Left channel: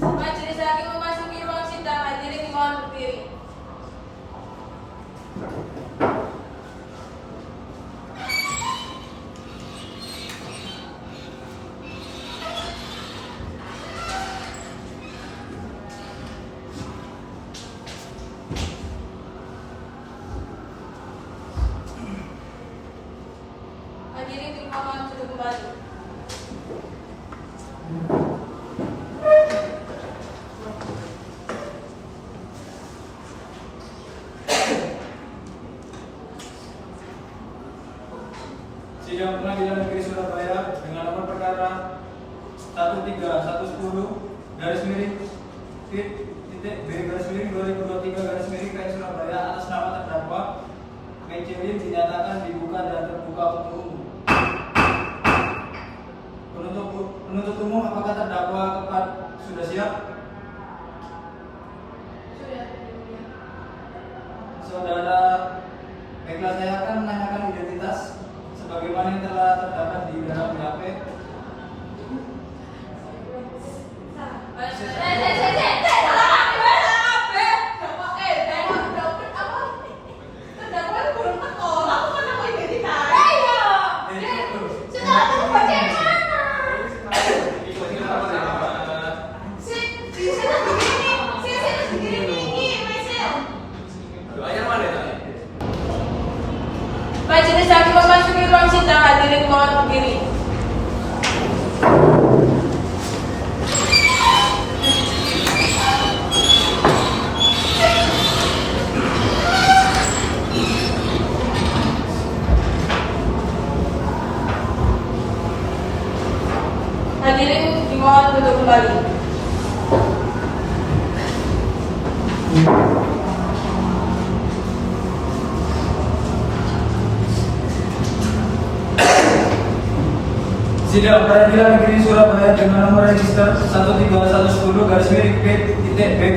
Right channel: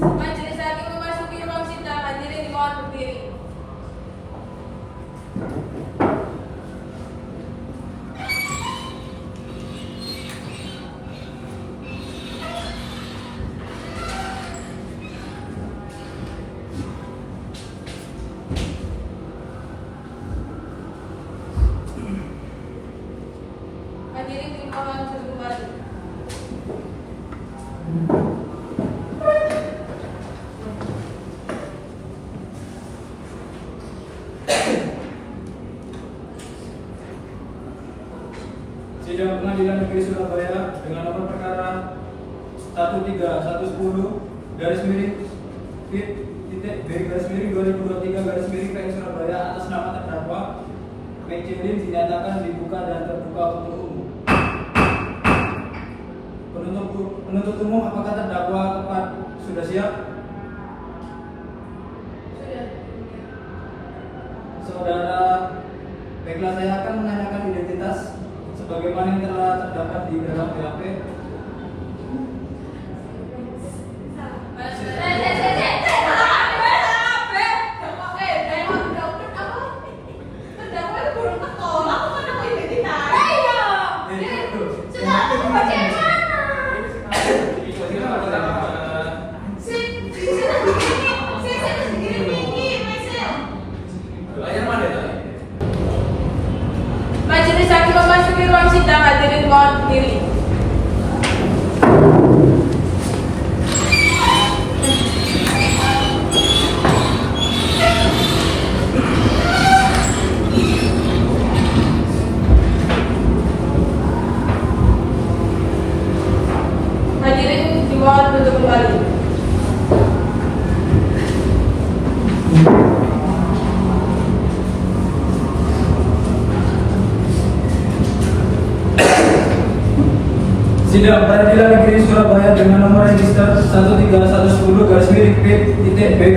Majelis hakim memasuki ruang sidang. Hadirin mohon berdiri. Hadirin dimohon duduk kembali. Sidang Pengadilan Negeri Surabaya dengan nomor perkara 13110 garis miring titik B garis miring 2023 garis miring PN Surabaya atas nama terdakwa Mejelin dinyatakan dibuka dan terbuka untuk umum. Penuntut umum, apakah terdakwa sudah siap? Sudah. Saudara, baiklah, saya akan menanyakan identitas sebagaimana yang telah terdapat di dalam BAP. Majelis hakim memasuki ruang sidang. Hadirin mohon berdiri. Hadirin dimohon duduk kembali. Sidang Pengadilan Negeri Surabaya dengan nomor register 13110 garis miring B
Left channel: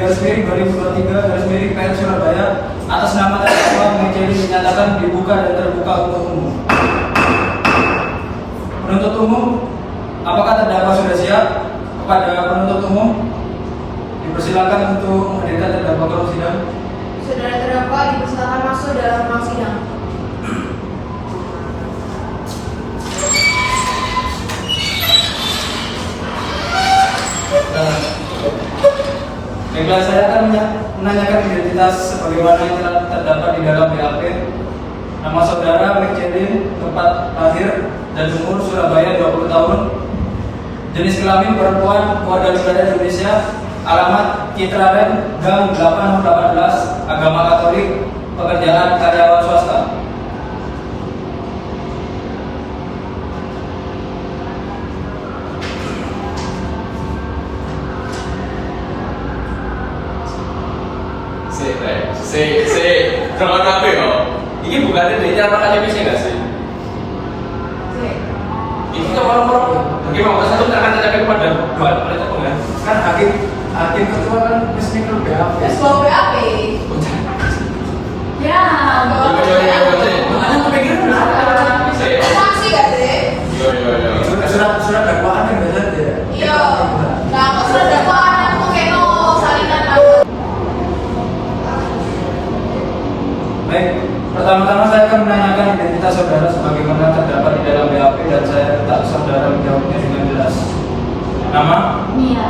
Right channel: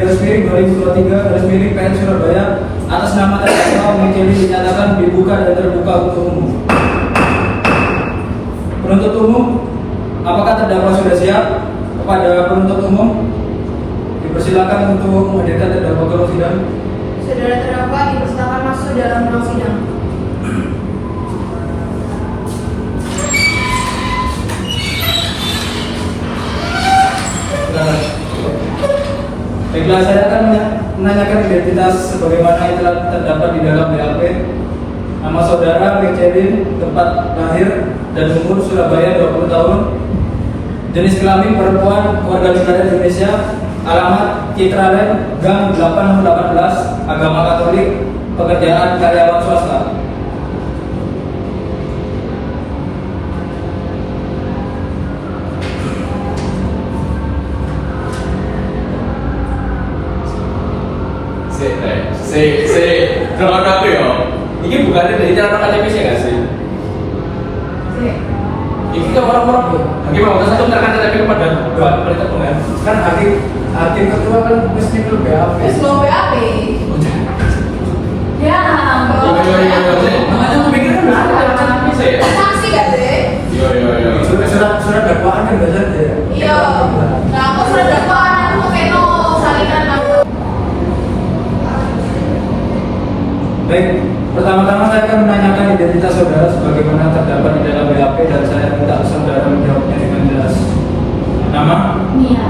garis miring 2023 garis miring PN Surabaya atas nama terdakwa Mejelin dinyatakan dibuka dan terbuka untuk umum. Penuntut umum, apakah terdakwa sudah siap? Kepada penuntut umum dipersilakan untuk menghadirkan terdakwa ke ruang sidang. Saudara terdakwa dipersilakan masuk dalam ruang sidang. Baiklah, saya akan menanyakan identitas sebagaimana yang telah terdapat di dalam BAP. Nama saudara Mejelin, tempat lahir dan umur Surabaya 20 tahun. Jenis kelamin perempuan, warga negara Indonesia. Alamat Citraland, Gang 8 18, agama Katolik, pekerjaan karyawan swasta. Berapa apa ya? Ini bukan dari anak akademi sih nggak sih? Ini kan orang-orang hakim mau satu terkan tapi kepada dua perintah pengen Kan hakim ketua kan mesti ke BAP. Ketua BAP. Ya. Makanya aku pikirin ada akademi sih. Saksi gak sih? Iya. Surat dakwaan kan nggak ada. Iya. Nah, aku sudah dakwaan aku keno salinan lalu. Baik, pertama-tama saya akan menanyakan identitas saudara sebagaimana terdapat di dalam BAP dan saya minta saudara menjawabnya dengan jelas. Nama, Mia,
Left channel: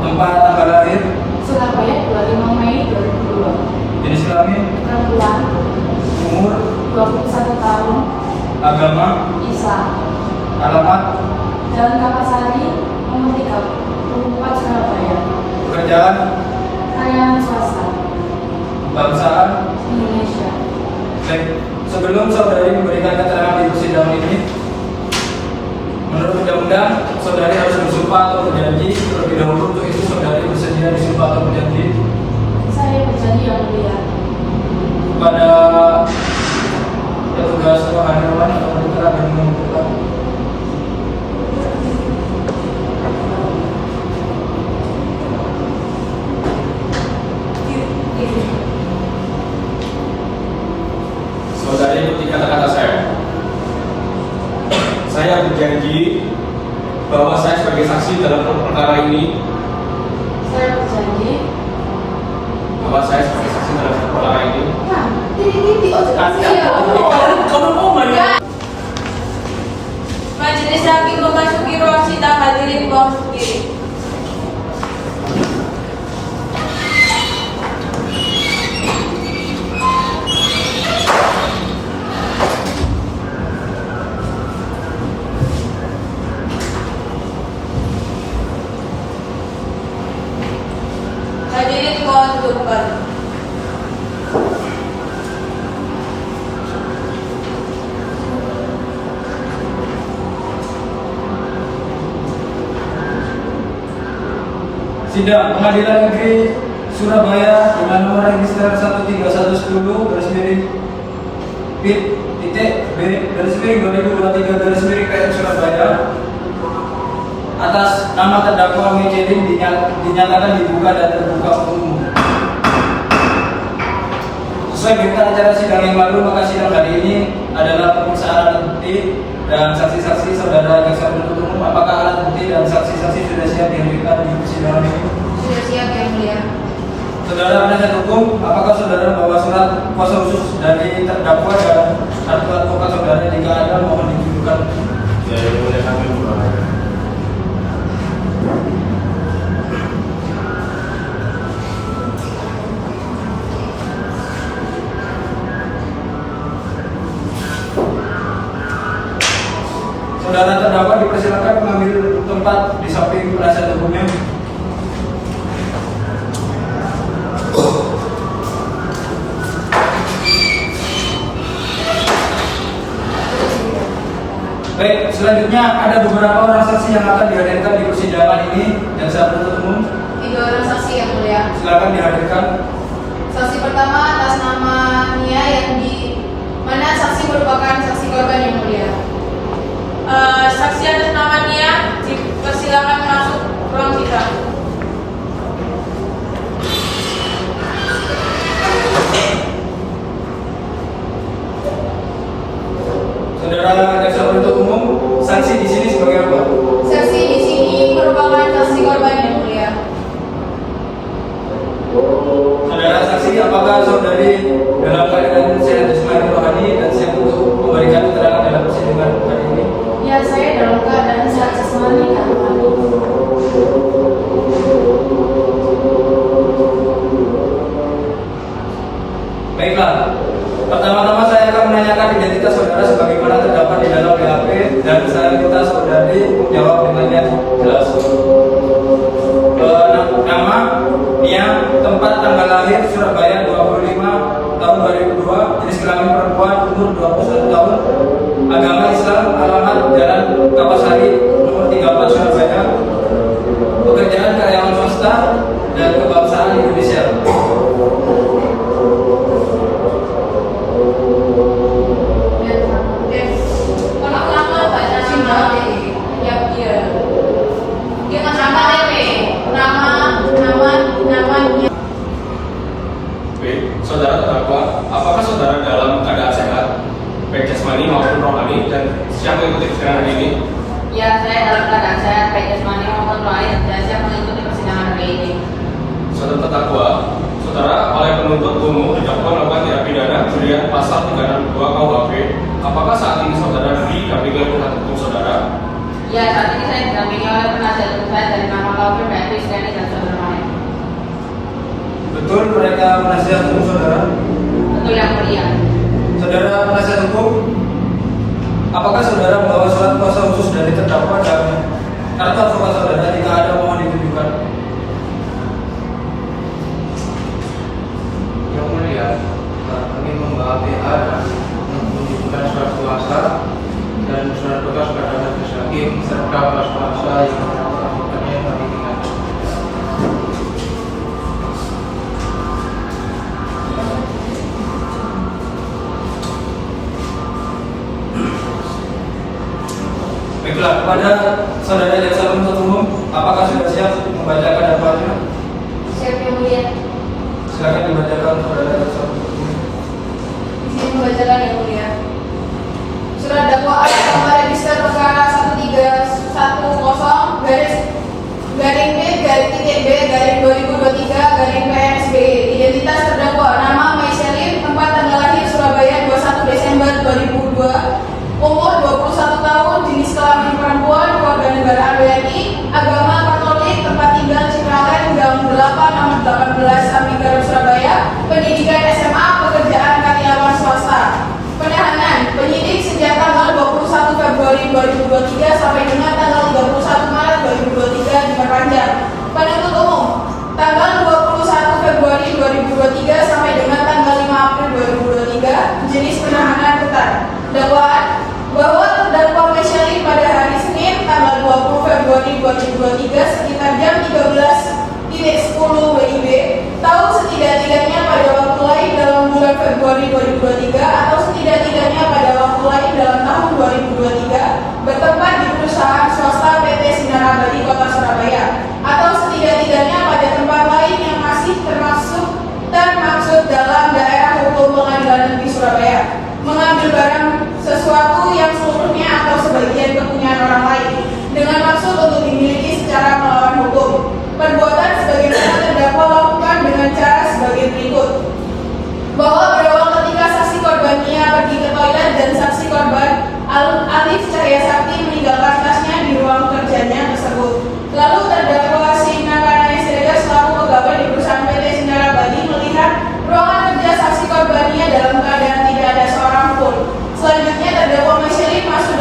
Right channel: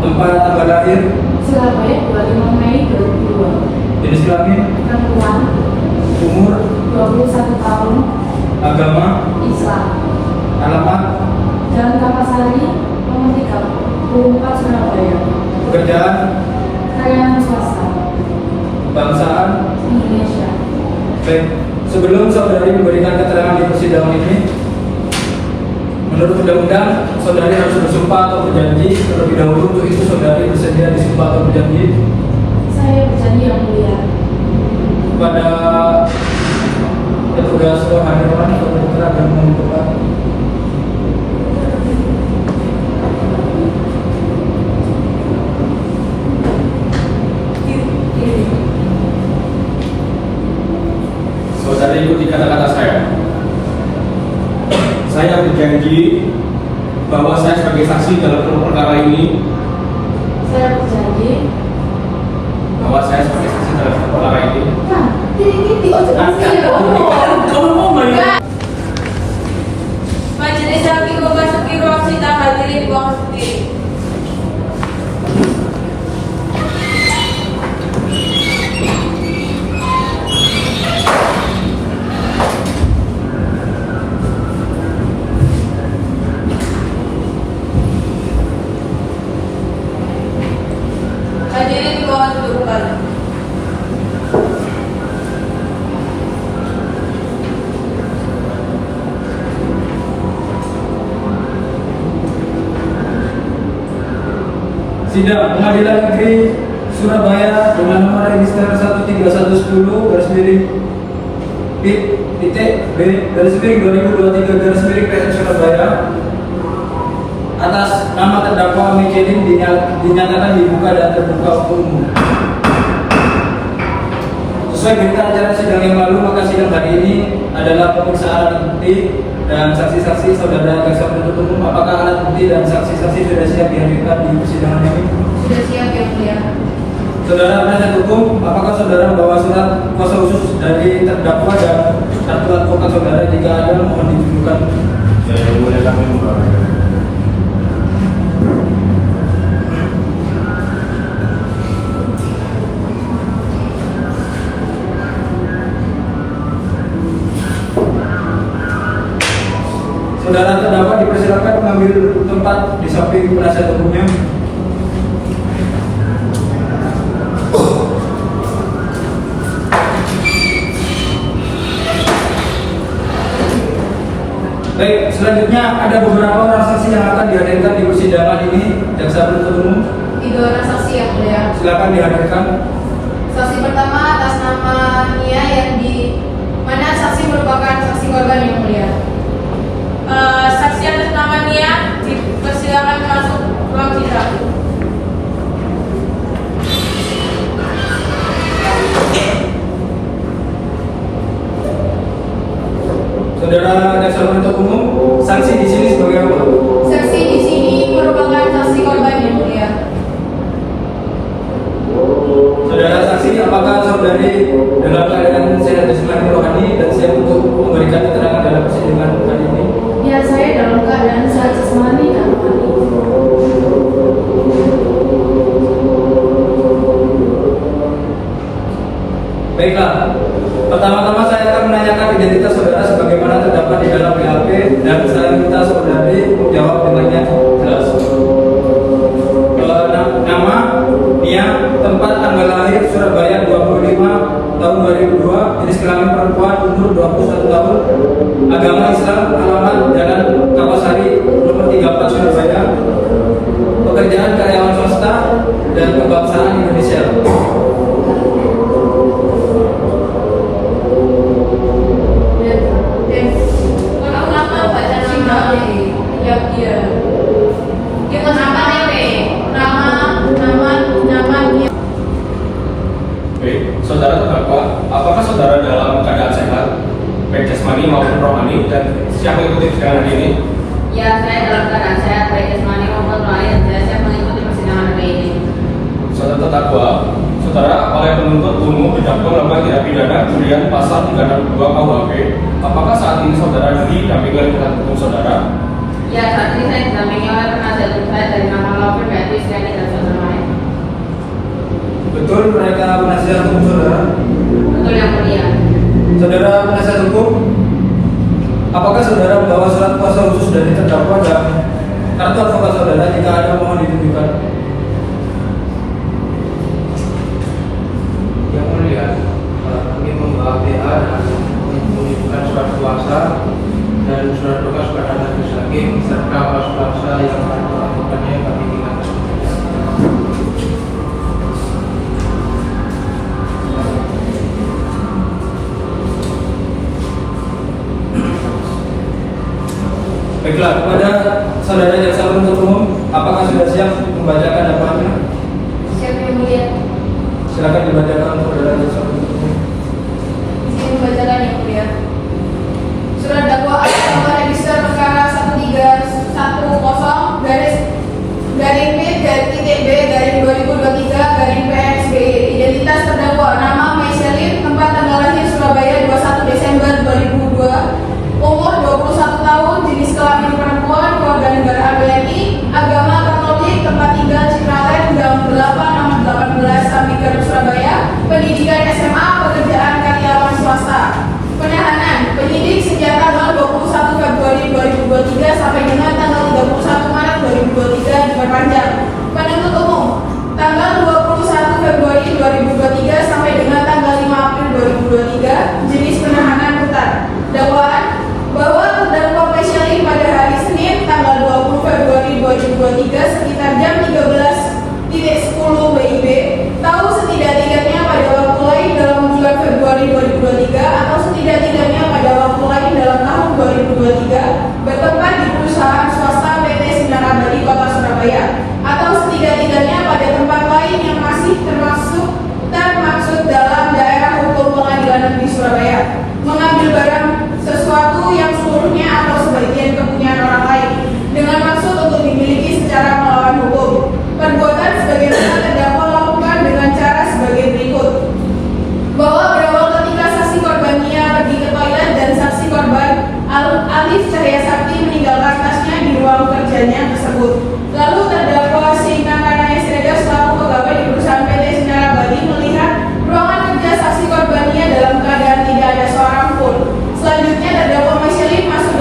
tempat tanggal lahir, Surabaya 25 Mei 2002. jenis kelamin, Perempuan, umur, 21 tahun, agama, Islam. alamat, Jalan Kapasari, nomor 34 Surabaya. pekerjaan, Karyawan swasta, kebangsaan. Indonesia. Baik, sebelum saudari memberikan keterangan di persidangan ini, menurut undang-undang saudari harus bersumpah atau berjanji terlebih dahulu. Untuk itu saudari bersedia disumpah atau berjanji Saya berjanji yang mulia. kepada petugas kehadiran atau pendekar yang menentukan. Saudari ikuti kata-kata saya. Saya berjanji bahwa saya sebagai saksi dalam perkara ini Saya berjanji. bahwa saya sebagai saksi dalam perkara ini. Nah, titik-titik ojo Kamu mau main? Majelis Hakim memasuki ruang sidang, hadirin di bawah berdiri. Hadirin di bawah duduk kembali. Sidang Pengadilan Negeri Surabaya dengan nomor register 13110 garis miring PIT titik B garis miring 2023 garis miring PN Surabaya atas nama terdakwa Michelin dinyatakan dibuka dan terbuka umum. Sesuai berita acara sidang yang lalu, maka sidang hari ini adalah pemeriksaan alat bukti dan saksi-saksi saudara jaksa penuntut umum. Apakah alat bukti dan saksi-saksi sudah siap dihadirkan di persidangan ini? Sudah siap ya, Mulia? Saudara penasihat hukum, apakah saudara membawa surat kuasa khusus dari terdakwa dan kartu advokat saudara? Jika ada, mohon ditunjukkan. Saya mulai kami membawa. Saudara terdakwa dipersilakan mengambil tempat di samping penasihat hukumnya. Baik, selanjutnya ada beberapa orang saksi yang akan dihadirkan di persidangan ini. Jaksa penuntut umum, 3 orang saksi yang mulia. silakan dihadirkan. Saksi pertama atas nama Nia yang di mana saksi merupakan saksi korban yang mulia. Saksi atas nama Nia dipersilakan masuk ruang sidang. Saudara jaksa penuntut umum, saksi di sini sebagai apa? Saksi di sini merupakan saksi korban yang mulia. Saudara saksi, apakah saudari dalam keadaan sehat jasmani rohani dan siap untuk memberikan keterangan dalam persidangan kali ini? Ya, saya dalam keadaan sehat jasmani dan rohani. Baiklah, pertama-tama saya akan menanyakan identitas saudara sebagaimana terdapat di dalam BAP dan saya minta saudari menjawab dengannya jelas. Nama, Nia, tempat tanggal lahir Surabaya 25 tahun 2002, jenis kelamin perempuan, umur 21 tahun, agama Islam, alamat Jalan Kapasari nomor 34 Surabaya, pekerjaan karyawan swasta dan kebangsaan Indonesia. Kalau nama baca singkat ya dia. Kita sama nama dia. Oke, saudara terdakwa, apakah saudara dalam keadaan sehat, baik jasmani maupun rohani dan siap mengikuti persidangan hari ini? Ya, saya dalam keadaan sehat, baik jasmani maupun rohani dan saya siap mengikuti persidangan hari ini. Saudara terdakwa, saudara oleh penuntut umum didakwa melakukan tindak pidana curian pasal 362 KUHP. Apakah saat ini saudara didampingi oleh penasihat hukum saudara? Ya, saat ini saya didampingi oleh penasihat hukum saya dari nama Laufir Beatrice Iskandar dan saudara lain. Betul mereka penasihat hukum saudara? Betul yang mulia. Saudara penasihat hukum, apakah saudara membawa surat kuasa khusus dari terdakwa dan kartu advokat saudara? Jika ada, mohon ditunjukkan. Yang mulia, kami membawa PA dan menunjukkan surat kuasa dan surat bekas pada majelis hakim serta pas kuasa yang melakukannya kami tinggalkan. Baiklah, kepada saudara jaksa penuntut umum, apakah sudah siap membacakan dakwaannya? Siap yang mulia. Silakan dibacakan saudara jaksa penuntut umum. Saya membacakan yang mulia. Surat dakwaan nomor register perkara 1310 garing B garing titik B garing 2023 sekitar jam 13.10 WIB tahu setidak-tidaknya pada waktu lain dalam bulan Februari 2023 atau setidak-tidaknya pada waktu lain dalam tahun 2023 bertempat di perusahaan swasta PT Sinar Abadi Kota Surabaya atau setidak-tidaknya pada tempat lain yang masih termaksud dalam daerah hukum Pengadilan Negeri Surabaya, mengambil barang sesuatu yang seluruhnya atau sebagian kepunyaan orang lain dengan maksud untuk dimiliki secara melawan hukum. Perbuatan sebagaimana terdakwa lakukan dengan cara sebagai berikut: bahwa berawal ketika saksi korban Nia pergi ke toilet dan saksi korban Alif Cahya Sakti meninggalkan tasnya di ruang kerjanya tersebut. Lalu terdakwa Sina Karnaya Srega selaku pegawai di perusahaan PT Sinar Abadi melihat ruangan kerja saksi korban Nia dalam keadaan tidak ada seorang pun. Selanjutnya terdakwa Masyali masuk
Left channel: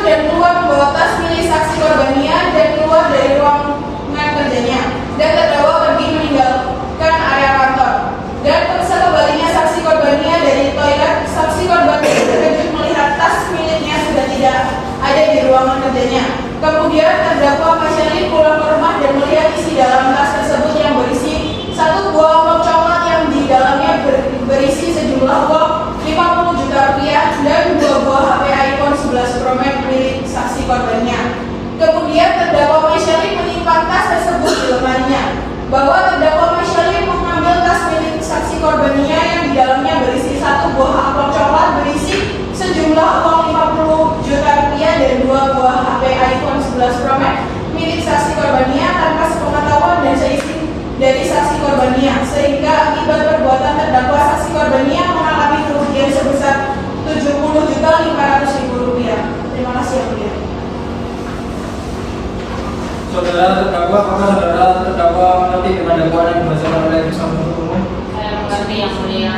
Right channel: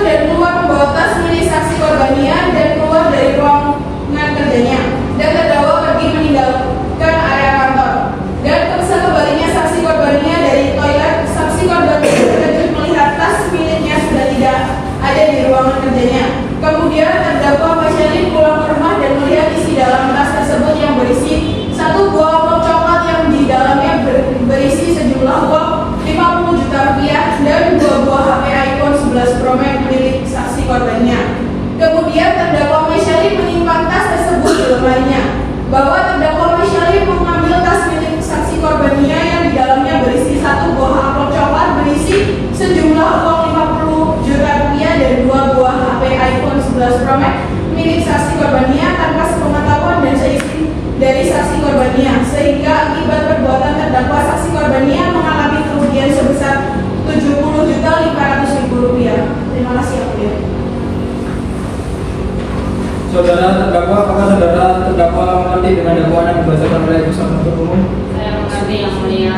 dan keluar membawa tas milik saksi korban Nia dan keluar dari ruangan kerjanya, dan terdakwa pergi meninggalkan area kantor. Dan sekembalinya saksi korban Nia dari toilet, saksi korban Nia terkejut melihat tas miliknya sudah tidak ada di ruangan kerjanya. Kemudian terdakwa Masyali pulang ke rumah dan melihat isi dalam tas tersebut yang berisi satu buah amplop coklat yang di dalamnya berisi sejumlah uang 50 juta rupiah dan 2 buah HP iPhone 11 Pro Max milik saksi korbannya. Kemudian terdakwa Masyali menyimpan tas tersebut di lemarinya. Bahwa terdakwa Masyali mengambil tas milik saksi korbannya yang di dalamnya berisi satu buah amplop coklat berisi sejumlah uang 50 juta rupiah dan 2 buah HP iPhone 11 Pro Max milik saksi korbannya tanpa sepengetahuan dan seizin dari saksi korbannya, sehingga akibat perbuatan terdakwa saksi korbannya mengalami kerugian sebesar 70.500.000 rupiah. Terima kasih yang mulia. Saudara terdakwa, apakah saudara terdakwa mengerti dengan dakwaan yang dibacakan oleh jaksa penuntut umum? Saya mengerti yang mulia.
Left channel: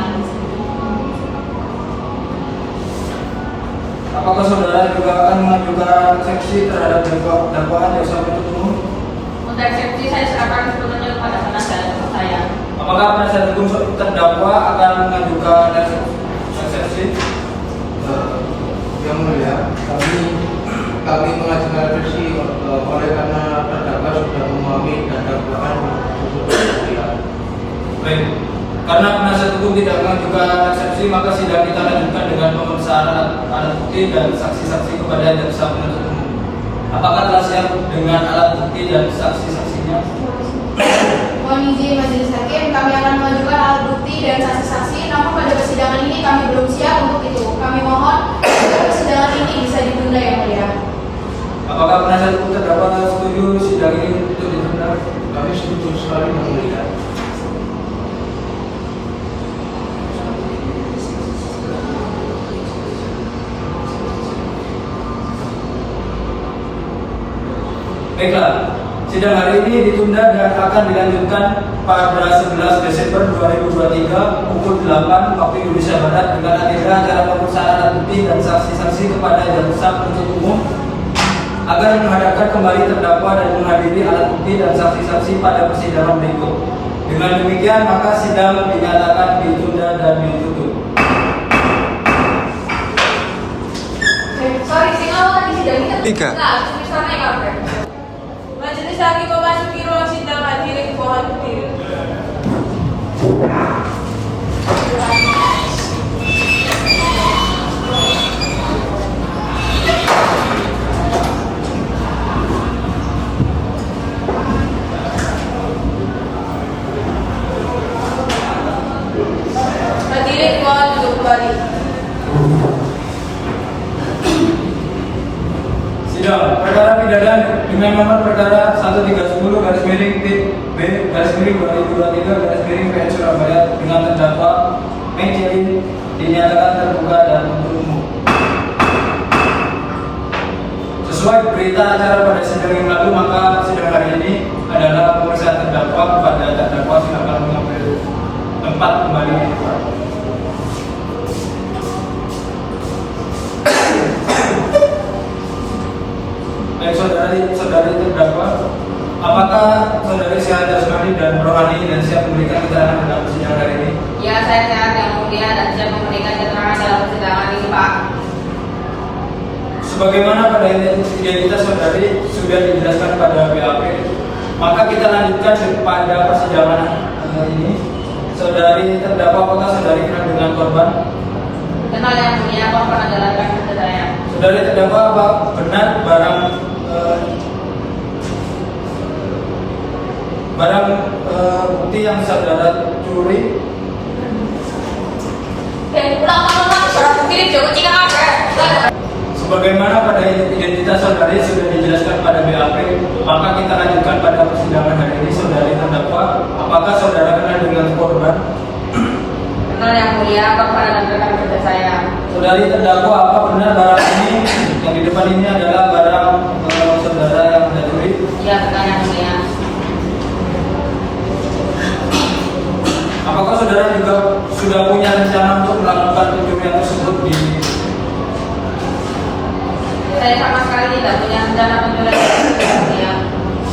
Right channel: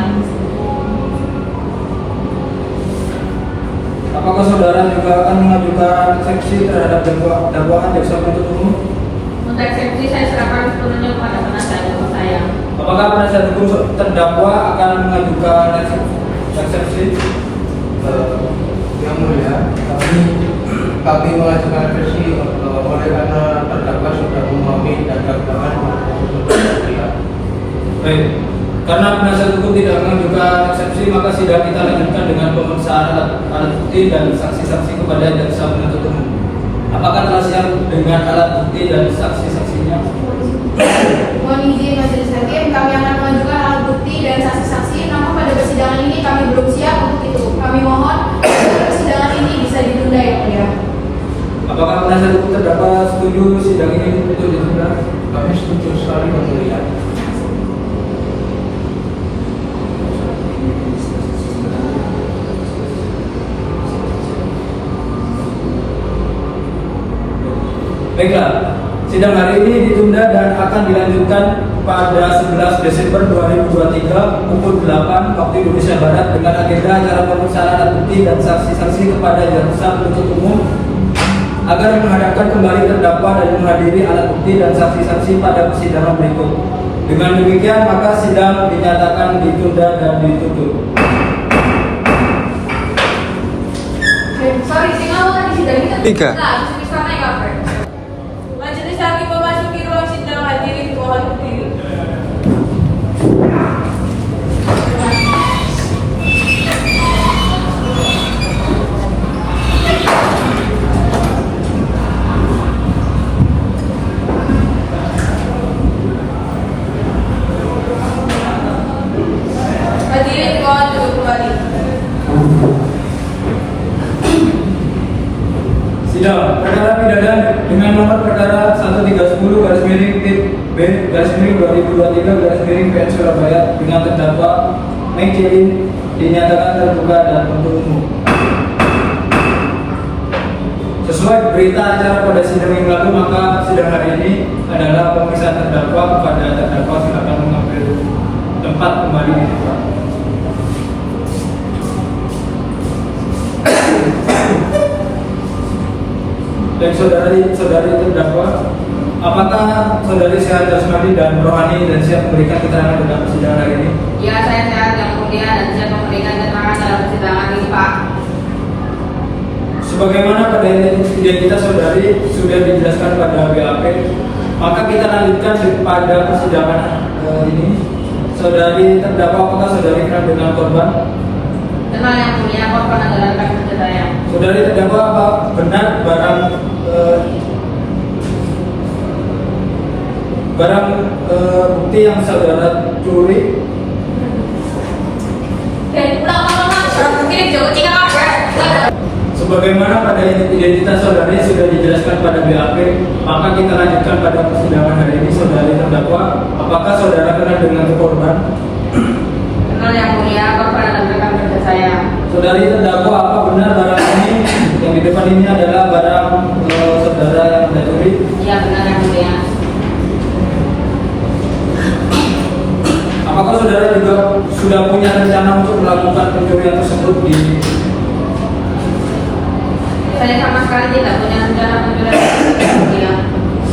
Apakah saudara juga akan mengajukan seksi terhadap dakwaan jaksa penuntut umum? Untuk eksepsi saya serahkan sepenuhnya kepada penasihat hukum saya. Apakah penasihat hukum terdakwa akan mengajukan eksepsi? Yang mulia, kami mengajukan versi oleh karena terdakwa sudah memahami dan dakwaan tersebut. Baik, karena penasihat hukum tidak mengajukan eksepsi, maka sidang kita lanjutkan dengan pemeriksaan alat bukti dan saksi-saksi kepada jaksa penuntut umum. Apakah telah siap dengan alat bukti dan saksi-saksinya? Mohon izin Majelis Hakim, kami akan mengajukan alat bukti dan saksi-saksi, namun pada persidangan ini kami belum siap untuk itu. Kami mohon persidangan ini bisa ditunda yang mulia. Apakah penasihat hukum terdakwa setuju sidang ini untuk ditunda? Kami setuju sekali yang mulia. Baiklah, sidang hari ini ditunda dan akan dilanjutkan pada 11 Desember 2023 pukul 8 waktu Indonesia Barat dengan agenda acara pemeriksaan alat bukti dan saksi-saksi kepada jaksa penuntut umum agar menghadapkan kembali terdakwa dan menghadiri alat bukti dan saksi-saksi pada persidangan berikut. Dengan demikian maka sidang dinyatakan ditunda dan ditutup. Sorry, tadi sidang ini Tiga. Majelis Hakim memasuki ruang sidang, hadirin mohon berdiri. Hadirin mohon duduk kembali. Sidang perkara pidana dengan nomor perkara 13-B/2023 Surabaya dengan terdakwa Mejelin dinyatakan terbuka dan untuk umum. Sesuai berita acara pada sidang yang lalu, maka sidang hari ini adalah pemeriksaan terdakwa. Kepada terdakwa silakan mengambil tempat kembali di tempat. Dan saudari terdakwa, apakah saudari sehat jasmani dan rohani dan siap memberikan keterangan dalam persidangan hari ini? Ya, saya sehat yang mulia dan siap memberikan keterangan dalam persidangan ini, Pak. Sebagaimana pada identitas saudari sudah dijelaskan pada BAP, maka kita lanjutkan pada persidangan ini. Saudari terdakwa, apakah saudari kenal dengan korban? Kenal yang mulia, korban adalah rekan kerja saya. Saudari terdakwa, apa benar barang bukti yang saudara curi? Pulang mungkin jauh tinggal Sebagaimana pada identitas saudari sudah dijelaskan pada BAP, maka kita lanjutkan pada persidangan hari ini. Saudari terdakwa, apakah saudara kenal dengan korban? Kenal yang mulia, korban adalah rekan kerja saya. Saudari terdakwa, apa benar barang ini yang di depan ini adalah barang saudara yang Anda curi? Iya benar yang mulia. Apakah saudara juga sudah punya rencana untuk melakukan pencurian tersebut di Saya sama sekali tidak punya rencana pencurian ya.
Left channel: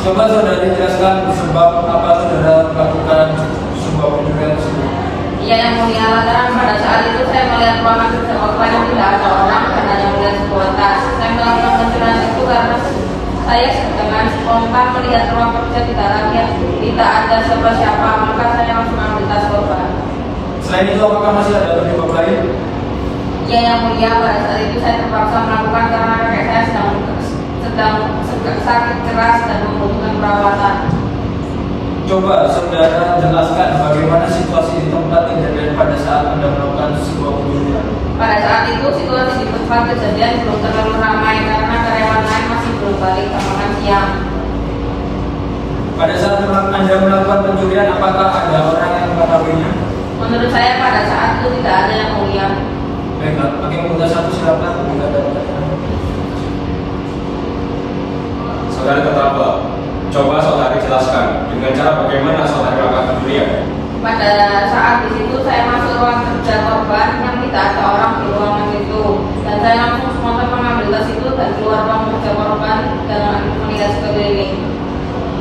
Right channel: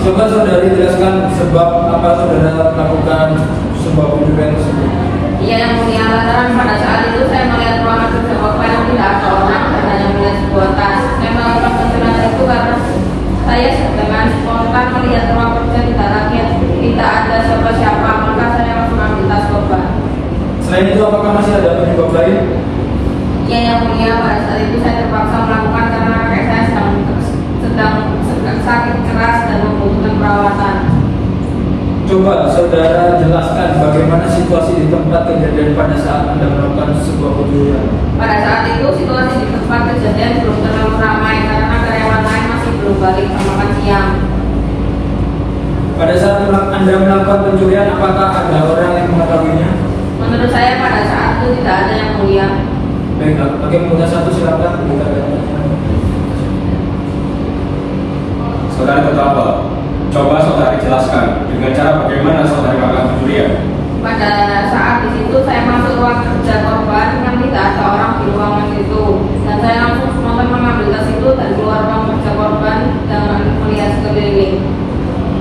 Coba saudari jelaskan sebab apa saudara melakukan sebuah pencurian tersebut. Iya yang mulia, lantaran pada saat itu saya melihat ruangan kerja korban yang tidak ada orang dan hanya melihat sebuah tas. Saya melakukan pencurian itu karena saya dengan spontan melihat ruang kerja tidak ada siapa-siapa, maka saya langsung ambil tas korban. Selain itu, apakah masih ada penyebab lain? Iya yang mulia, pada saat itu saya terpaksa melakukan karena kakek saya sedang sakit keras dan membutuhkan perawatan. Coba saudara jelaskan bagaimana situasi di tempat kejadian pada saat Anda melakukan sebuah pencurian. Pada saat itu situasi di tempat kejadian belum terlalu ramai karena karyawan lain masih belum balik ke makan siang. Pada saat Anda melakukan pencurian, apakah ada orang yang mengetahuinya? Menurut saya pada saat itu tidak ada yang mulia. Baiklah, bagian punya satu silakan buka data. Saudari terdakwa, coba saudari jelaskan dengan cara bagaimana saudari melakukan pencurian. Pada saat di situ saya masuk ruang kerja korban yang tidak ada orang di ruangan itu, dan saya langsung spontan mengambil tas itu dan keluar ruang kerja korban dan melihat sekeliling.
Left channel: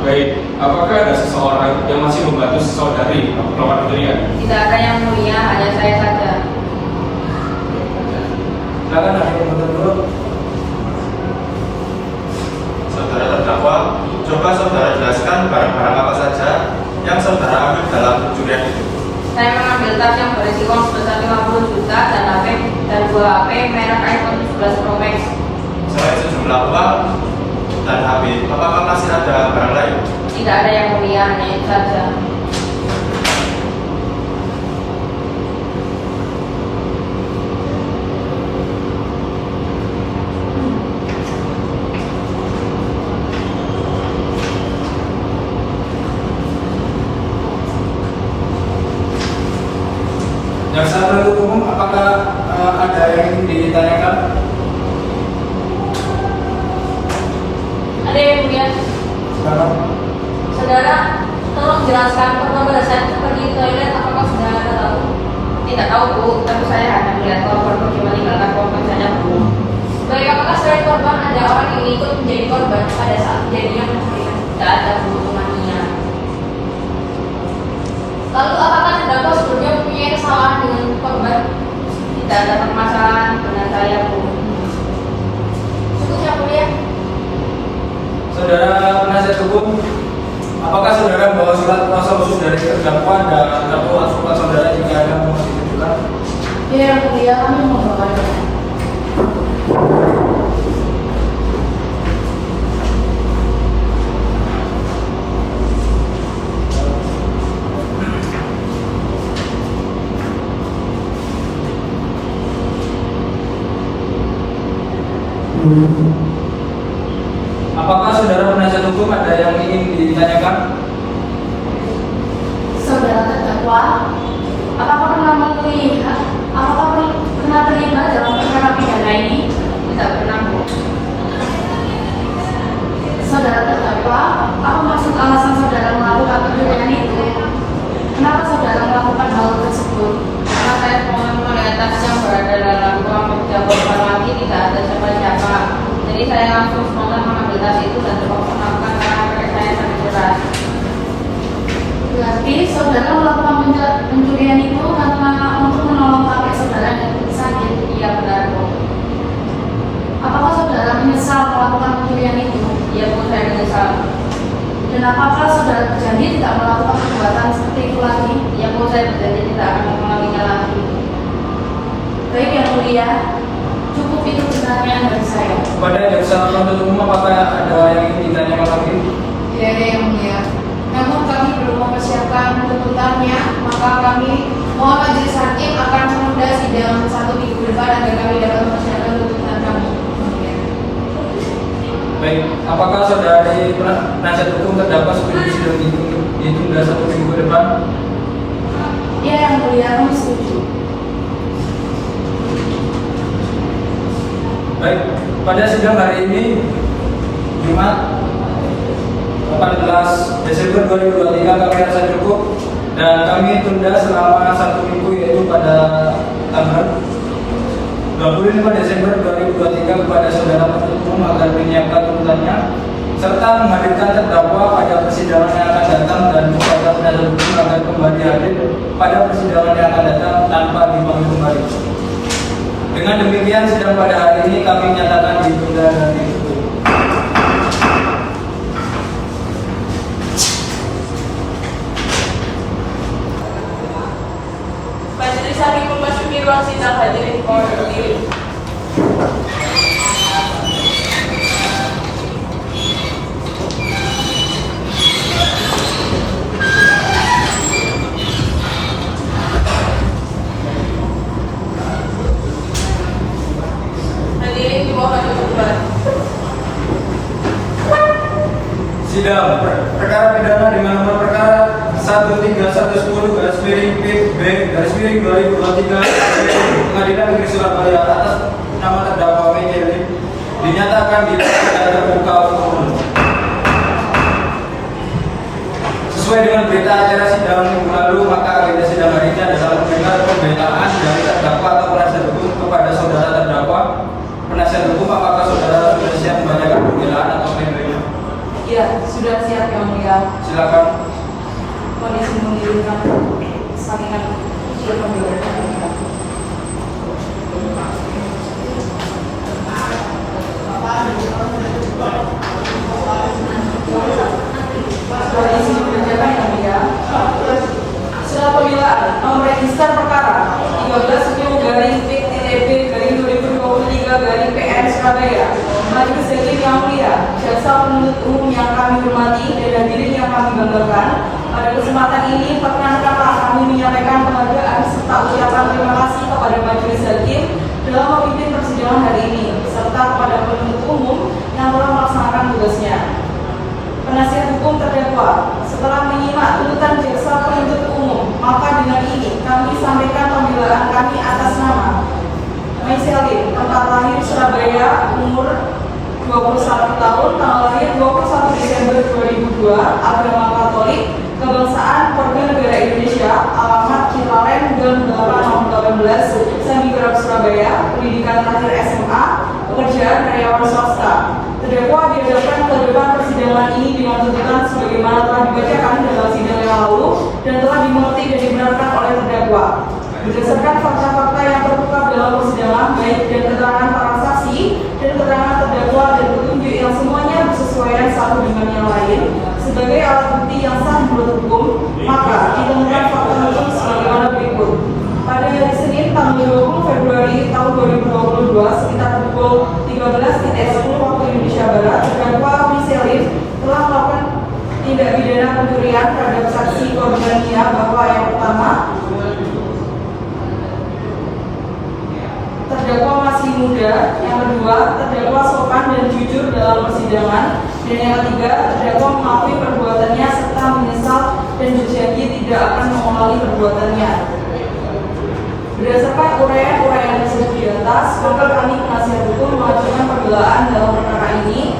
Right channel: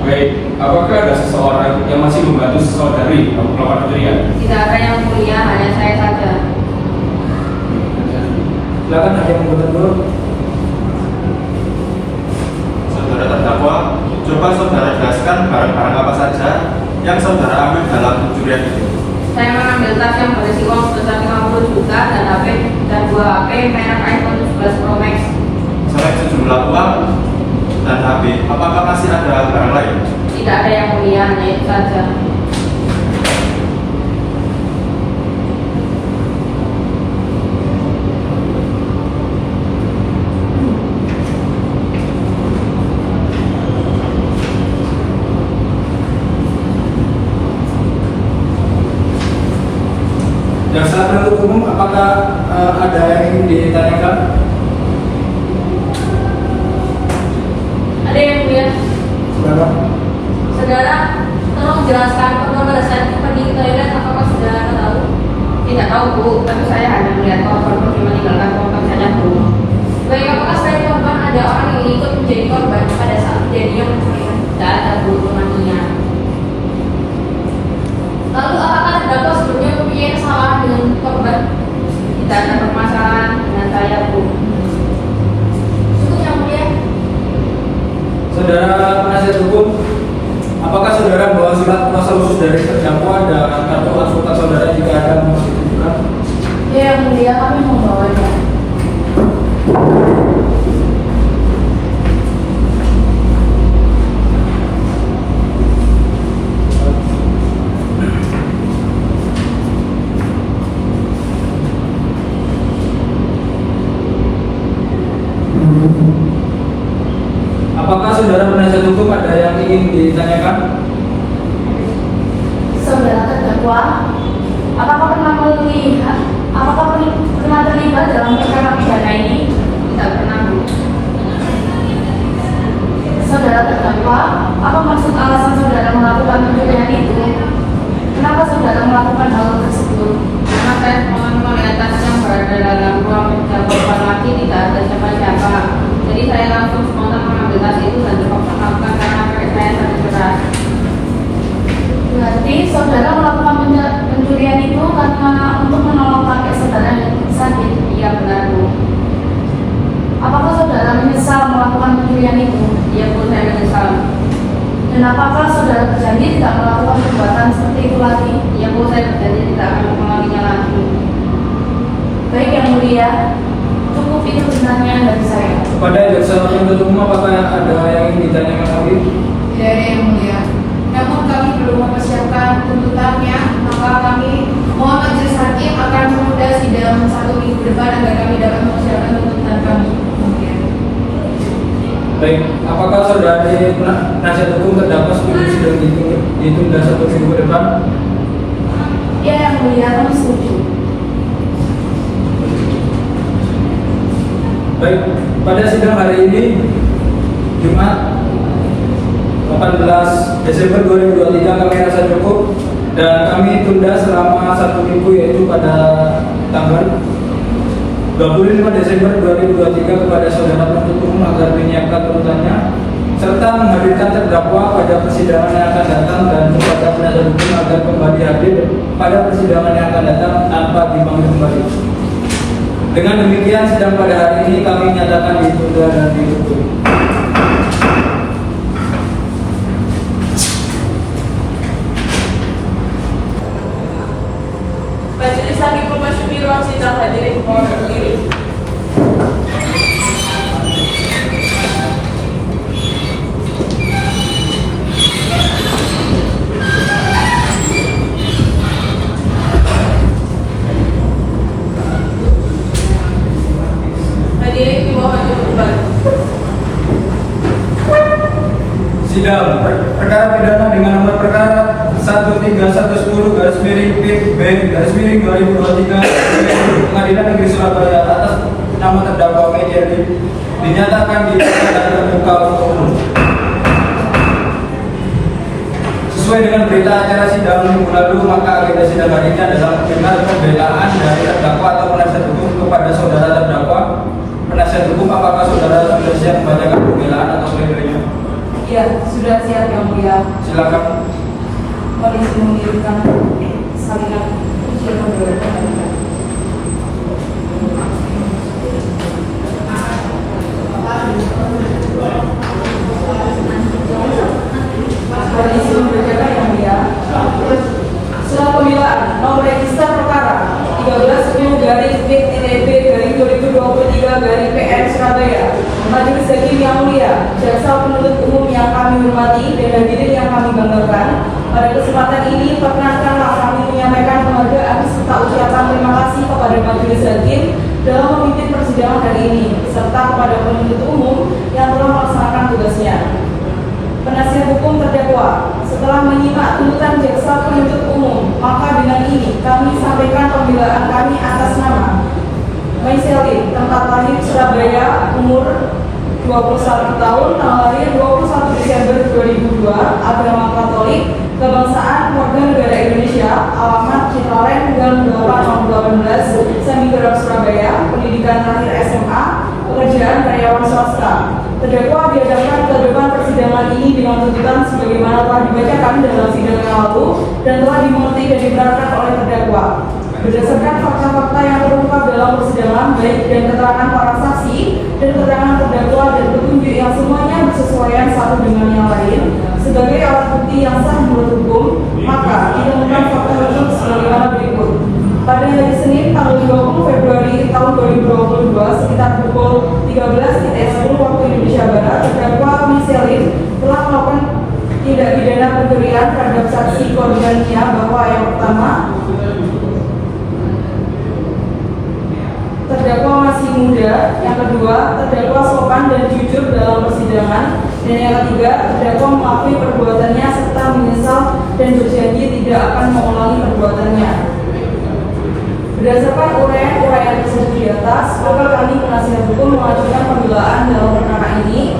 Baik, apakah ada seseorang yang masih membantu saudari melakukan pencurian? Tidak ada yang mulia, hanya saya saja. Silakan ada yang dulu. Saudara terdakwa, coba saudara jelaskan barang-barang apa saja yang saudara ambil dalam pencurian itu. Saya mengambil tas yang berisi uang sebesar 50 juta dan HP dan 2 HP merek iPhone 11 Pro Max. Selain sejumlah uang dan HP, apakah masih ada barang lain? Tidak ada yang mulia, hanya itu saja. Jaksa penuntut umum, apakah ada yang ingin ditanyakan? Ada yang mulia. Silakan. Saudara, tolong jelaskan apakah pada saat pergi ke toilet apakah saudara tahu? Tidak tahu Bu, tapi saya hanya melihat korban pergi meninggalkan korban saja Bu. Baik, apakah selain korban ada orang yang ikut menjadi korban pada saat kejadian pencurian? Tidak ada Bu, temannya. Lalu apakah terdakwa sebelumnya mempunyai kesalahan dengan korban? Tidak ada permasalahan dengan saya Bu. Cukup yang mulia. Saudara penasihat hukum, apakah saudara membawa surat kuasa khusus dari terdakwa dan kartu advokat saudara jika ada yang mau ditunjukkan? Ya yang mulia, kami membawanya. Apakah saudara penasihat hukum ada yang ingin ditanyakan? Saudara terdakwa, apakah pernah terlibat dalam perkara pidana ini? Tidak pernah Bu. Saudara terdakwa, apa maksud alasan saudara melakukan pencurian itu? Kenapa saudara melakukan hal tersebut? Karena saya melihat tas yang berada dalam ruang kerja korban lagi tidak ada siapa-siapa. Jadi saya langsung spontan mengambil tas itu dan terpaksa melakukan karena kakek saya sakit keras. Berarti saudara melakukan pencurian itu karena untuk menolong kakek saudara yang sakit. Iya benar Bu. Apakah saudara melakukan pencurian itu? Iya Bu, saya menyesal. Dan apakah saudara berjanji tidak melakukan perbuatan seperti itu lagi? Iya Bu, saya berjanji tidak akan mengulanginya lagi. Baik yang mulia, cukup itu pertanyaan dari saya. Pada jaksa penuntut umum apakah ada yang ingin ditanyakan lagi? Iya yang mulia. Namun kami belum mempersiapkan tuntutannya, maka kami mohon majelis hakim akan menunda sidang 1 minggu depan agar kami dapat mempersiapkan tuntutan kami. Baik, apakah saudara dari penasihat hukum terdakwa setuju sidang itu ditunda 1 minggu depan? Ya yang mulia, kami setuju. Baik, pada sidang hari ini Jumat 18 Desember 2023 kami rasa cukup dan kami tunda selama 1 minggu yaitu pada tanggal 25 Desember 2023 kepada saudara penuntut umum agar menyiapkan tuntutannya serta menghadirkan terdakwa pada persidangan yang akan datang dan kepada penasihat hukum agar kembali hadir pada persidangan yang akan datang tanpa dipanggil kembali. Dengan demikian sidang pada hari ini kami nyatakan ditunda dan ditutup. Majelis hakim memasuki ruang sidang, hadirin mohon berdiri. Hadirin mohon duduk kembali. Sidang perkara pidana dengan nomor perkara 13110-PB-2023 Pengadilan Negeri Surabaya atas nama terdakwa Mejerli dinyatakan dilakukan terbuka untuk umum. Sesuai dengan berita acara sidang minggu lalu, maka agenda sidang hari ini adalah mendengar pembelaan dari terdakwa atau penasihat hukum kepada saudara terdakwa. Penasihat hukum, apakah saudara sudah siap membacakan pembelaan atau pledoi? Ya, sudah siap yang mulia. Silakan. Polisi mengirimkan salinan surat pembelaan. Polisi membacakan yang mulia. Surat pembelaan nomor register perkara 1310-PTB-2023-PN Surabaya. Majelis Hakim yang mulia, jaksa penuntut umum yang kami hormati dan hadirin yang kami banggakan. Pada kesempatan ini, perkenankanlah kami menyampaikan penghargaan serta ucapan terima kasih kepada Majelis Hakim dalam memimpin persidangan hari ini, serta kepada penuntut umum yang telah melaksanakan tugasnya. Penasihat hukum terdakwa, setelah menyimak tuntutan jaksa penuntut umum, maka dengan ini kami sampaikan pembelaan kami atas nama Maiselin, tempat lahir Surabaya, umur 21 tahun, tanggal lahir 21 Desember 2002, agama Katolik, kebangsaan warga negara Indonesia, alamat Cipalem, Gang 8/18, Sambigerak Surabaya, pendidikan terakhir SMA, pekerjaan karyawan swasta. Terdakwa dihadapkan ke depan persidangan ini dengan tuntutan sebagaimana telah dibacakan dalam sidang yang lalu dan telah dimengerti dan dibenarkan oleh terdakwa. Berdasarkan fakta-fakta yang terungkap dalam persidangan, baik dan keterangan para saksi dan keterangan terdakwa dan petunjuk yang semuanya bersesuaian satu dengan yang lain sebagai alat bukti yang sah menurut hukum, maka ditemukan fakta hukum sebagaimana berikut. Pada hari Senin tanggal 20 Februari tahun 2022 sekitar pukul 13.10 waktu Indonesia Barat, terdakwa Maiselin telah melakukan tindak pidana pencurian terhadap saksi korbannya bahwa yang pertama, terdakwa masih muda, yang kedua, terdakwa sopan dan jujur dalam persidangan, dan yang ketiga, terdakwa mengakui perbuatannya serta menyesal dan berjanji tidak akan mengulangi perbuatannya. Berdasarkan uraian tersebut di atas, maka kami penasihat hukum mengajukan pembelaan dalam perkara ini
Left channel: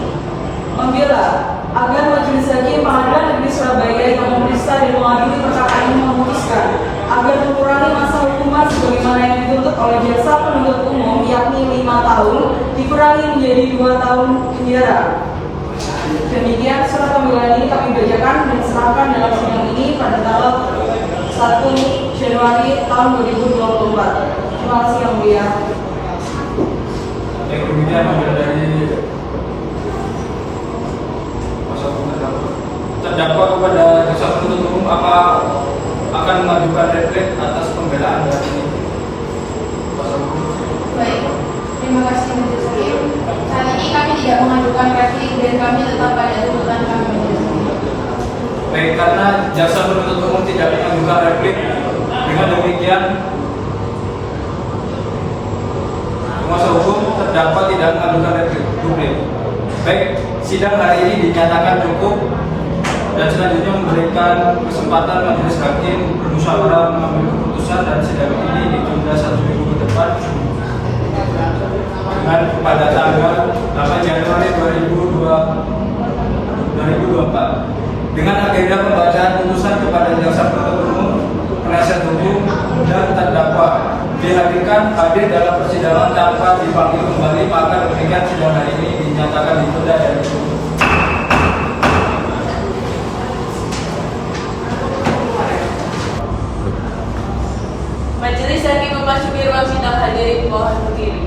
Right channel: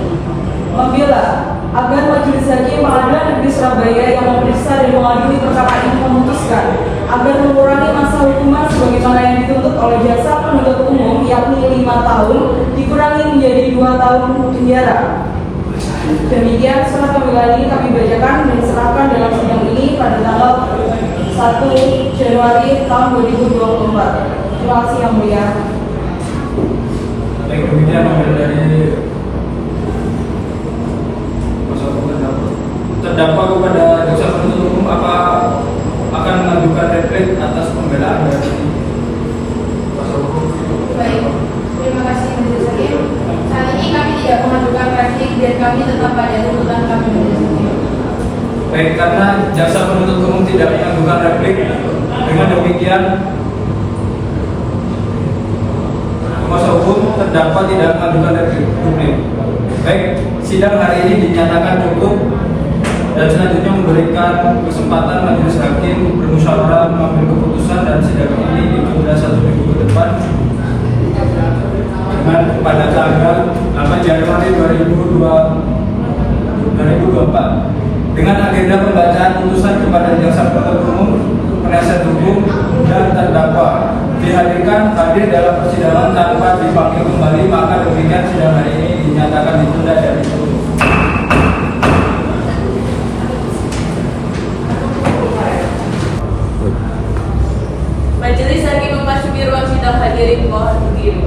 membela agar Majelis Hakim Pengadilan Negeri Surabaya yang memeriksa dan mengadili perkara ini memutuskan agar mengurangi masa hukuman sebagaimana yang dituntut oleh jaksa penuntut umum, yakni 5 tahun dikurangi menjadi 2 tahun penjara. Demikian surat pembelaan ini kami bacakan dan diserahkan dalam sidang ini pada tanggal 1 Januari tahun 2024. Terima kasih yang mulia. Baik, demikian dari jaksa penuntut umum tidak mengajukan replik. Dengan demikian, kuasa hukum terdakwa tidak mengajukan replik. Baik, sidang hari ini dinyatakan cukup dan selanjutnya memberikan kesempatan majelis hakim bermusyawarah mengambil keputusan dan sidang ini ditunda 1 minggu ke depan dengan pada tanggal 8 Januari 2024 dengan agenda pembacaan putusan kepada jaksa penuntut umum, penasihat hukum dan terdakwa dihadirkan hadir dalam persidangan tanpa dipanggil kembali, maka demikian sidang hari ini dinyatakan ditunda dan ditutup. Majelis hakim memasuki ruang sidang, hadirin mohon berdiri.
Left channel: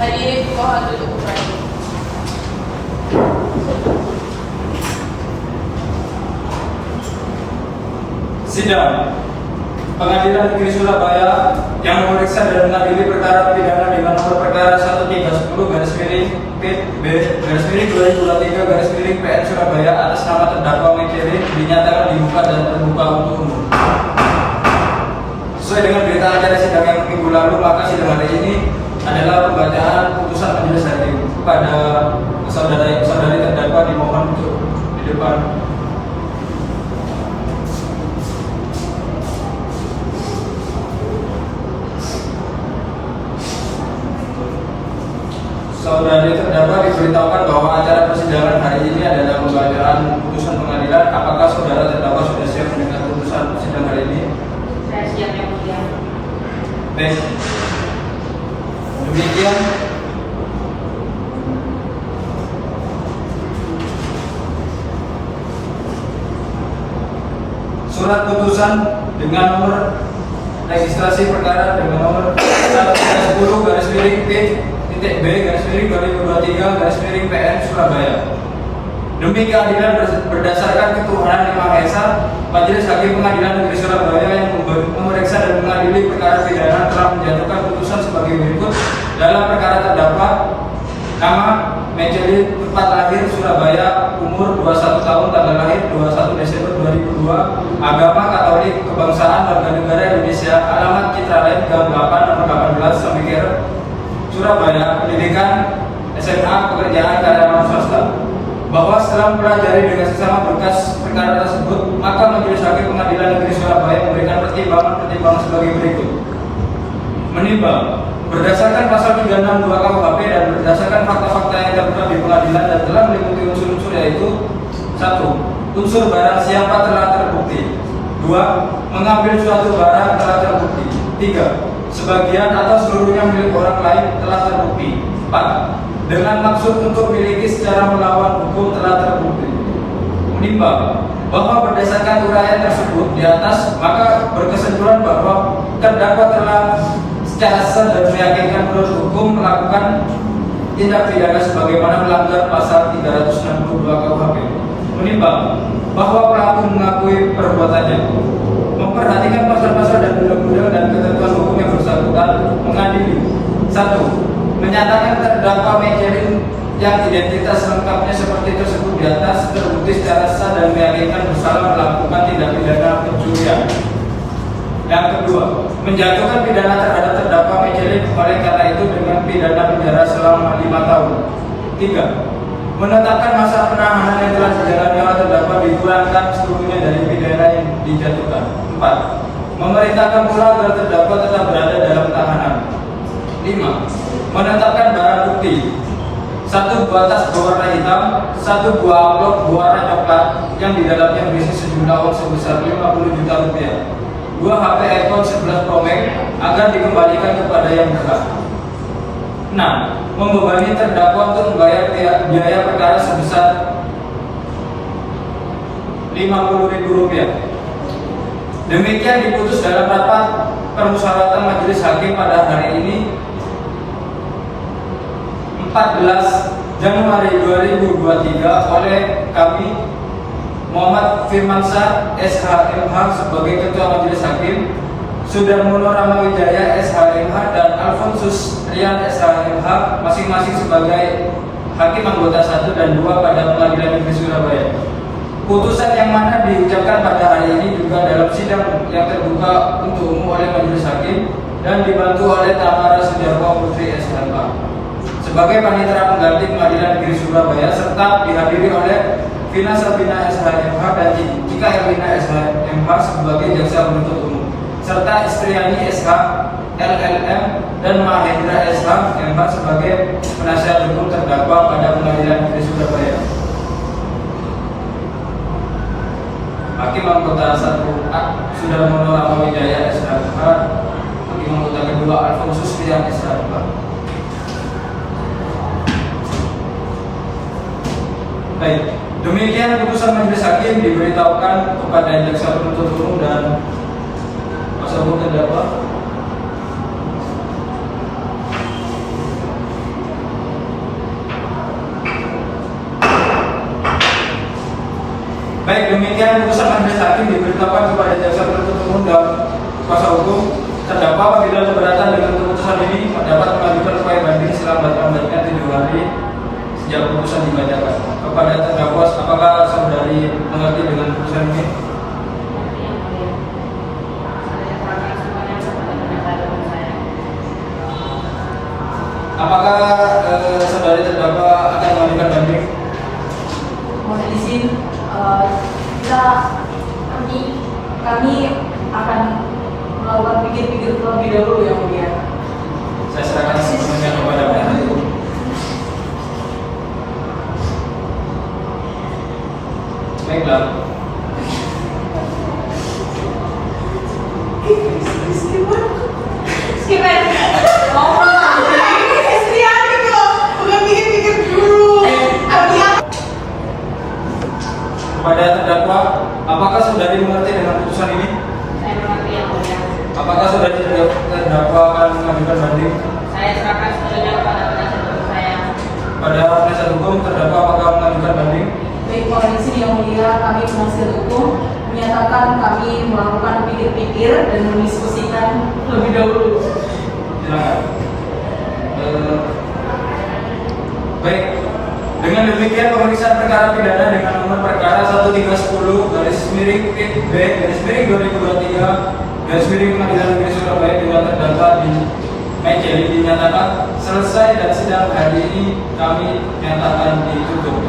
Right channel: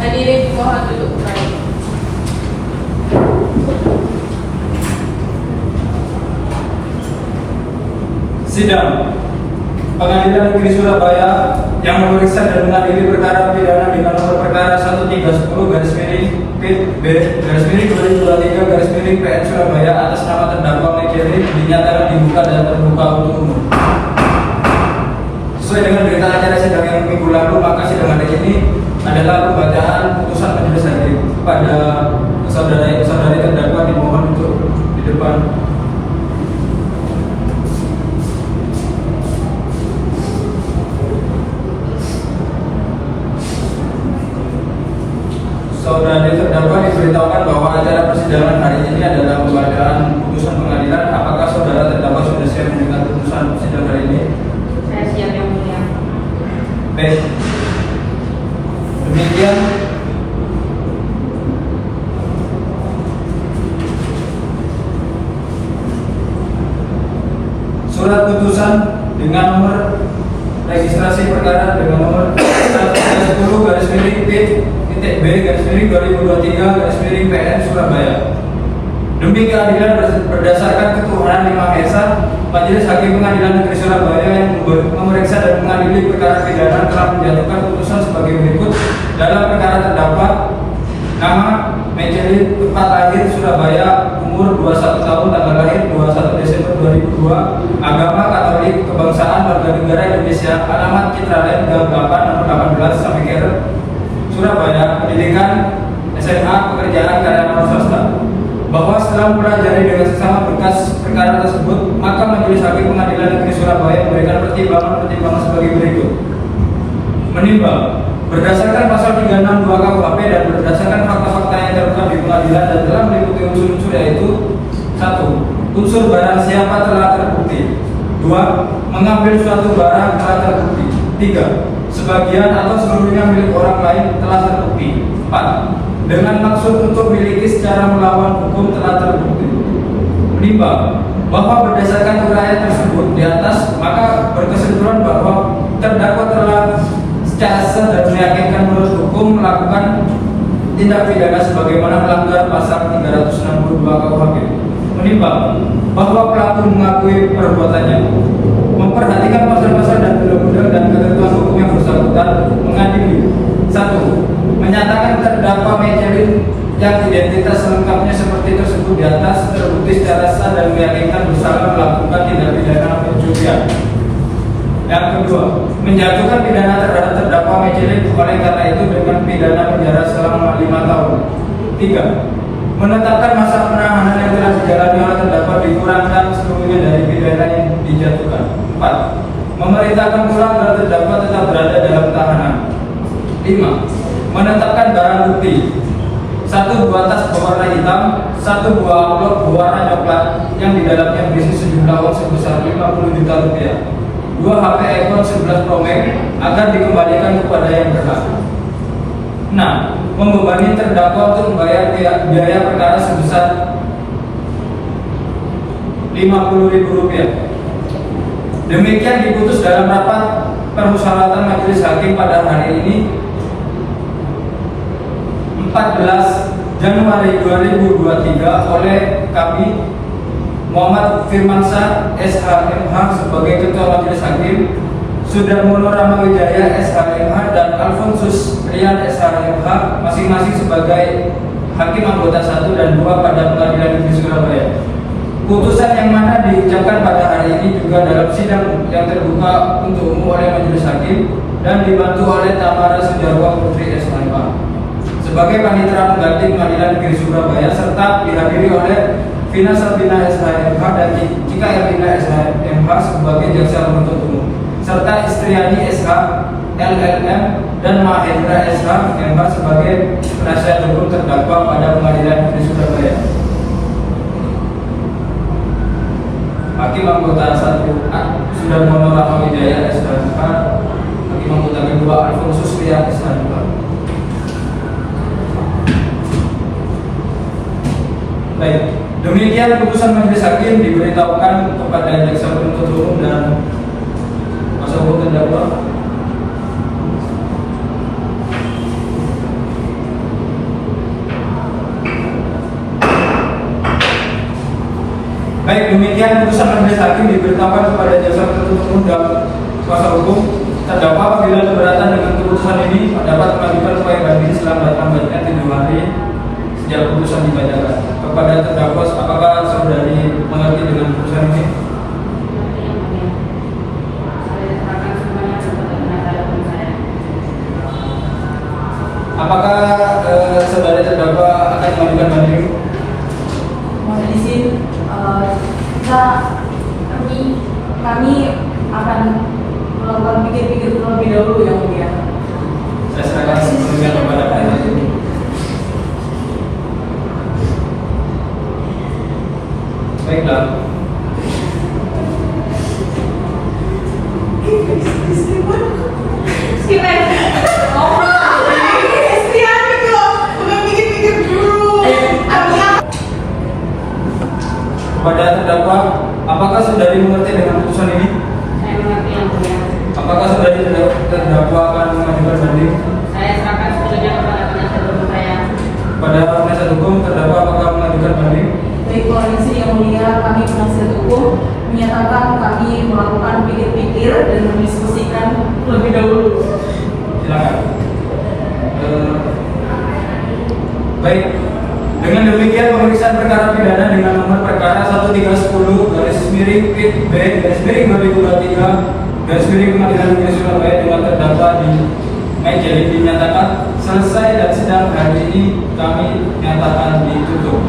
Hadirin mohon duduk kembali. Sidang Pengadilan Negeri Surabaya yang memeriksa dan mengadili perkara pidana dengan nomor perkara 1310/B/2023/PN Surabaya atas nama terdakwa Mejeri dinyatakan dibuka dan terbuka untuk umum. Sesuai dengan berita acara sidang yang minggu lalu, maka sidang hari ini adalah pembacaan putusan majelis hakim kepada saudari terdakwa, dimohon untuk di depan. Saudari terdakwa diberitahukan bahwa acara persidangan hari ini adalah pembacaan putusan pengadilan. Apakah saudara terdakwa sudah siap mendengar putusan sidang hari ini? Saya siap, yang mulia. Baik. Demikian surat putusan dengan nomor registrasi perkara dengan nomor 10/B/B/2023/PN Surabaya. Demi keadilan berdasarkan ketuhanan Yang Maha Esa, Majelis Hakim Pengadilan Negeri Surabaya yang memeriksa dan mengadili perkara pidana telah menjatuhkan putusan sebagai berikut. Dalam perkara terdakwa nama Mejeri, tempat lahir Surabaya, umur 21 tahun, tanggal lahir 21 Desember 2002, agama Katolik, kebangsaan warga negara Indonesia, alamat Citra Lain Gang 8 nomor 18 Samikir Surabaya, pendidikan SMA, pekerjaan karyawan swasta. Bahwa setelah mempelajari dengan sesama berkas perkara tersebut, maka Majelis Hakim Pengadilan Negeri Surabaya memberikan pertimbangan sebagai berikut. Menimbang berdasarkan pasal 362 KUHP dan berdasarkan fakta-fakta yang terdapat di pengadilan dan telah meliputi unsur-unsur, yaitu 1. Unsur barang siapa telah terbukti. 2. Mengambil suatu barang telah terbukti. 3. Sebagian atau seluruhnya milik orang lain telah terbukti. 4. Dengan maksud untuk miliki secara melawan hukum telah terbukti. Menimbang bahwa berdasarkan keterangan tersebut di atas, maka berkesimpulan bahwa terdakwa telah secara sah dan meyakinkan menurut hukum melakukan tindak pidana sebagaimana melanggar pasal 362 KUHP. Menimbang bahwa pelaku mengakui perbuatannya, memperhatikan pasal-pasal dan undang-undang dan ketentuan hukum yang bersangkutan, mengadili. 1. Menyatakan terdakwa Mejeri yang identitas lengkapnya seperti tersebut di atas terbukti secara sah dan meyakinkan bersalah melakukan tindak pidana perjudian. Yang kedua, menjatuhkan pidana terhadap terdakwa Mejeri oleh karena itu dengan pidana penjara selama 5 tahun. 3. Menetapkan masa penahanan yang telah dijalani oleh terdakwa dikurangkan seluruhnya dari pidana yang dijatuhkan. 4. Memerintahkan pula agar terdakwa tetap berada dalam tahanan. 5. Menetapkan barang bukti: 1 buah tas berwarna hitam, 1 buah amplop berwarna coklat yang di dalamnya berisi sejumlah uang sebesar 50 juta rupiah, 2 HP iPhone 11 Pro Max agar dikembalikan kepada yang berhak. 6. Membebani terdakwa untuk membayar biaya perkara sebesar Rp50.000. Demikian diputus dalam rapat permusyawaratan majelis hakim pada hari ini 14 Januari 2023 oleh kami Muhammad Firmansyah SHMH sebagai Ketua Majelis Hakim, Sudarmono Ramawijaya SHMH dan Alfonsus Rian SHMH masing-masing sebagai Hakim anggota 1 dan 2 pada Pengadilan Negeri Surabaya. Putusan yang mana diucapkan pada hari ini juga dalam sidang yang terbuka untuk umum oleh Majelis Hakim dan dibantu oleh Tamara Sudarwa Putri SMH sebagai panitera pengganti Pengadilan Negeri Surabaya, serta dihadiri oleh Vina Sabina SHMH dan Cika Erlina SHMH sebagai jaksa penuntut umum, serta Istriani SH LLM dan Mahendra SHMH sebagai penasihat hukum terdakwa pada Pengadilan Negeri Surabaya. Hakim anggota 1 Sudarmono Ramawijaya SHMH, Hakim anggota kedua Alfonsus Rian SHMH. Baik, demikian putusan Majelis Hakim diberitahukan kepada jaksa penuntut umum dan kuasa hukum terdakwa. Baik, demikian putusan Majelis Hakim diberitahukan kepada jaksa penuntut umum dan kuasa hukum terdakwa. Apabila keberatan dengan keputusan ini, dapat melanjutkan upaya banding selambat-lambatnya 7 hari sejak putusan dibacakan. Kepada terdakwa, apakah saudari mengerti dengan putusan ini? Apakah saudari terdakwa akan melanjutkan banding? Mohon izin, kami akan melakukan pikir-pikir terlebih dahulu yang mulia. Saya serahkan semuanya kepada penasihat hukum. Baiklah. Kepada terdakwa, apakah saudari mengerti dengan putusan ini? Saya mengerti yang mulia. Apakah saudari terdakwa akan mengajukan banding? Saya serahkan sepenuhnya kepada penasihat hukum saya. Pada penasihat hukum, terdakwa apakah mengajukan banding? Baik, mohon izin yang mulia, kami penasihat hukum menyatakan kami melakukan pikir-pikir dan mendiskusikan lebih dahulu. Silakan. Baik. Dengan demikian pemeriksaan perkara pidana dengan nomor perkara 1310/PB/2023 Pengadilan Negeri Surabaya dengan terdakwa jadi dinyatakan selesai dan sidang hari ini kami nyatakan ditutup.